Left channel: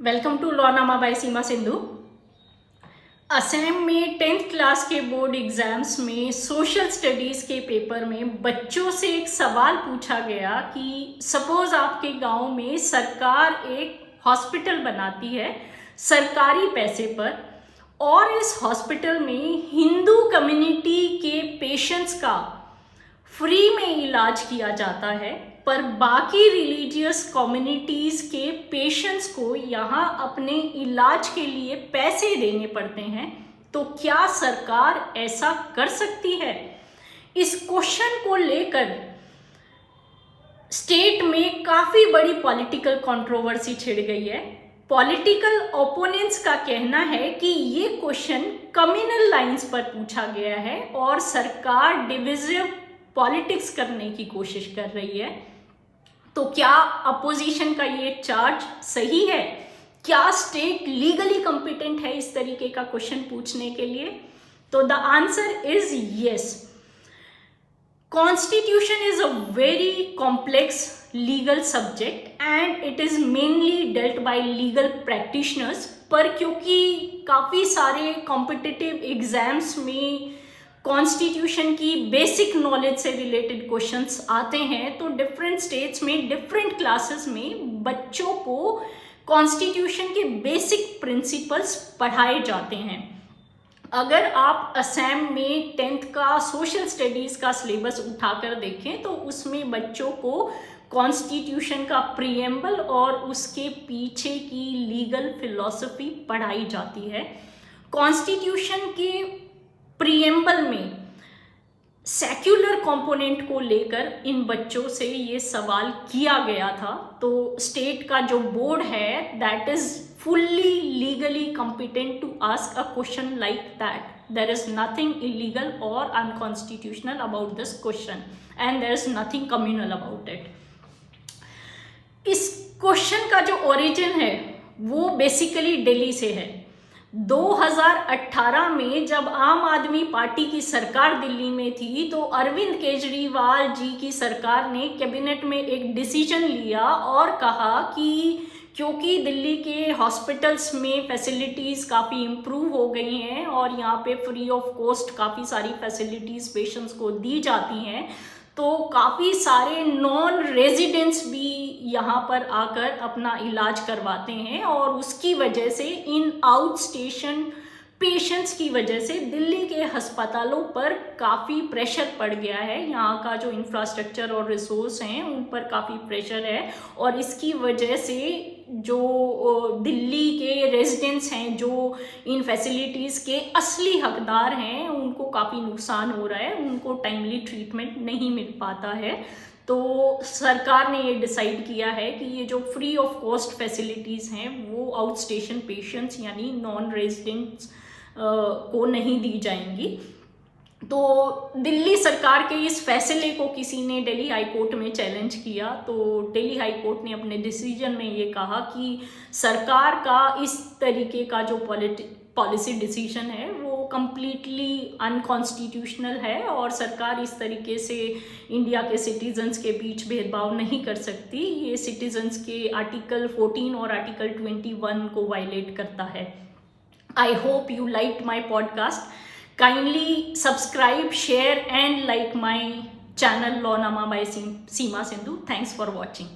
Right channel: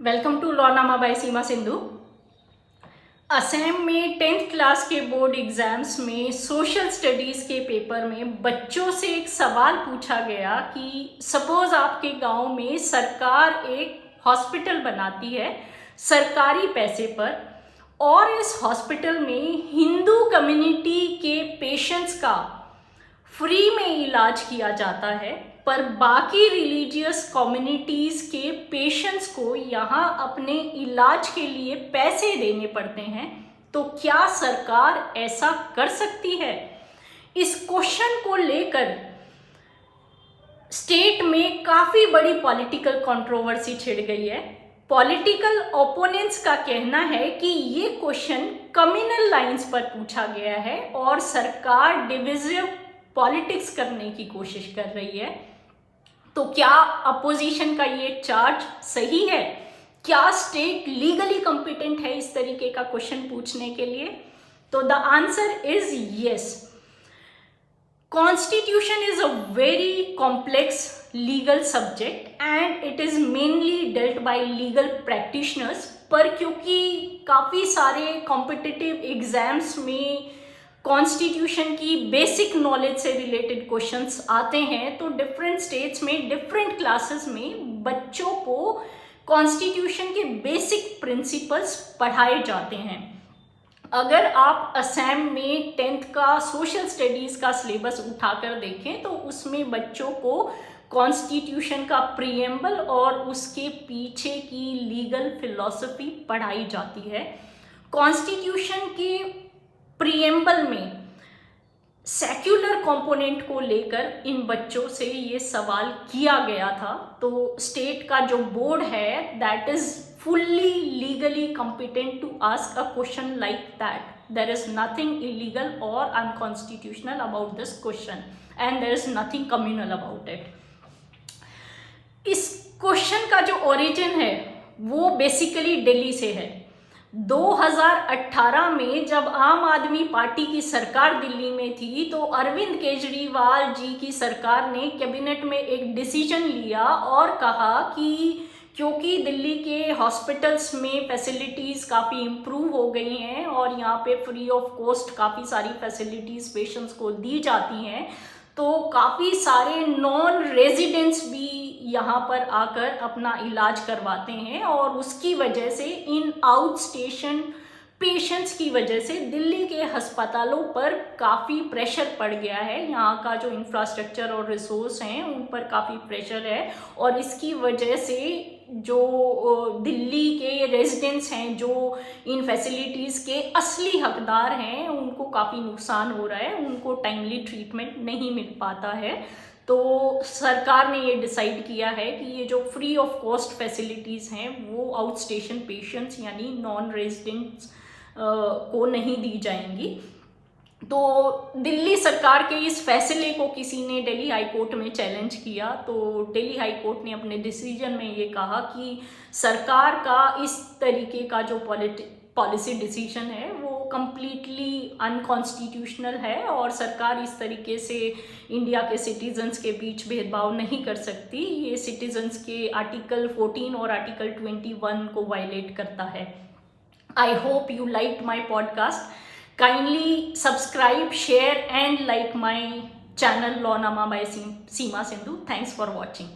Welcome to लॉनामा bye सीमा सिंधु। असम में 10th class के board exams में सोशल स्टडीज़ के पेपर में बच्चों से एक सवाल पूछा गया कि सपोज आपके गांव में सरकार एक हॉस्पिटल बनाती है सरकारी पैसे पर, और इस हॉस्पिटल में हिंदू कम्युनिटी के पेशेंट्स का फ्री में इलाज किया जाता है, पर बाकी रिलीजियस कम्युनिटीज़ के पेशेंट्स को यहाँ अपने इलाज के लिए पैसे देने पड़ते हैं। तो क्या सरकार ऐसा कर सकती है? इस क्वेश्चन को लेकर स्टेट में काफ़ी बड़ी पॉलिटिकल कंट्रोवर्सी छिड़ गई है। पॉलिटिकल ओपोनेंट्स का कहना है कि ये क्वेश्चन कम्युनल लाइंस पर पूछा गया है और सरकार डिविजिव पॉलिटिक्स करने की कोशिश कर रही है। तो क्या अपोजिशन का ये चार्ज सही है? क्या स्टेट लीगली कॉम्पिटेंट है इस तरीके का क्वेश्चन पूछने के लिए? तो the answer is yes. Constitution is a very complex legal subject and it is mainly dealt bye legal practitioners, पर क्योंकि काफ़ी सारे कॉम्पिटिटिव एग्जाम्स में कॉन्स्टिट्यूशन की बेसिक नॉलेज से रिलेटेड क्वेश्चंस आते हैं, तो डिफरेंट स्टेट्स में डिफरेंट क्लासेस में बच्चों को कॉन्स्टिट्यूशन के बेसिक प्रिंसिपल्स पढ़ाए जाते हैं। अगर आप असम में 10th का सोशल स्टडीज़ का सिलेबस उठाकर देखें तो उसमें बच्चों को कॉन्स्टिट्यूशन का प्रीएम्बल और उसके पीछे की लीगल फिलॉसफी पढ़ाई जाती है। कॉन्स्टिट्यूशन के प्रीएम्बल में सेक्युलर कंपोनेंट को लेकर इन बच्चों से ये सवाल किया गया था। तो स्टेट का जो बोर्ड है that is fully legally competent to ask a question like that. There is nothing illegal और unconstitutional about this question and there is nothing communal about it. इस क्वेश्चन का जो ओरिजिन है वो बेसिकली दिल्ली से है। 2018 में जब आम आदमी पार्टी की सरकार दिल्ली में थी तो अरविंद केजरीवाल जी की सरकार ने कैबिनेट में एक डिसीजन लिया और कहा कि क्योंकि दिल्ली के हॉस्पिटल्स में फैसिलिटीज़ काफ़ी इम्प्रूव हो गई हैं और यहाँ पे फ्री ऑफ कॉस्ट काफ़ी सारी फैसिलिटीज़ पेशेंट्स को दी जाती हैं, तो काफ़ी सारे नॉन रेजिडेंट्स भी यहाँ पर आकर अपना इलाज करवाते हैं और उसकी वजह से इन आउट स्टेशन पेशेंट्स की वजह से दिल्ली के अस्पतालों पर काफ़ी प्रेशर पड़ गया है। यहाँ का जो इंफ्रास्ट्रक्चर और रिसोर्स हैं उन पर काफ़ी प्रेशर है और इसकी वजह से जो दिल्ली के रेजिडेंट्स हैं जो इन फैसिलिटीज़ के असली हकदार हैं उनको काफ़ी नुकसान हो रहा है, उनको टाइमली ट्रीटमेंट नहीं मिल पाता है। तो सरकार ने ये डिसाइड किया है कि ये जो फ्री ऑफ कॉस्ट फैसिलिटीज़ हैं वो आउट स्टेशन पेशेंट्स यानी नॉन रेजिडेंट्स को नहीं दी जाएंगी। तो दिल्ली सरकार के इस फैसले को किसी ने दिल्ली हाई कोर्ट में चैलेंज किया, तो दिल्ली हाई कोर्ट ने अपने डिसीजन में ये कहा कि सरकार का इस तरीके का जो पॉलिसी डिसीजन है वो कम्प्लीटली अनकॉन्स्टिट्यूशनल है और सरकार इस तरीके से इंडिया के सिटीजन्स के बीच भेदभाव नहीं कर सकती। ये सिटीजन्स के आर्टिकल 14 और आर्टिकल 21 को वायलेट करता है। I hope you liked my podcast. Kindly subscribe, share and like my channel Law Nama by Seema Sindhu. Thanks for watching.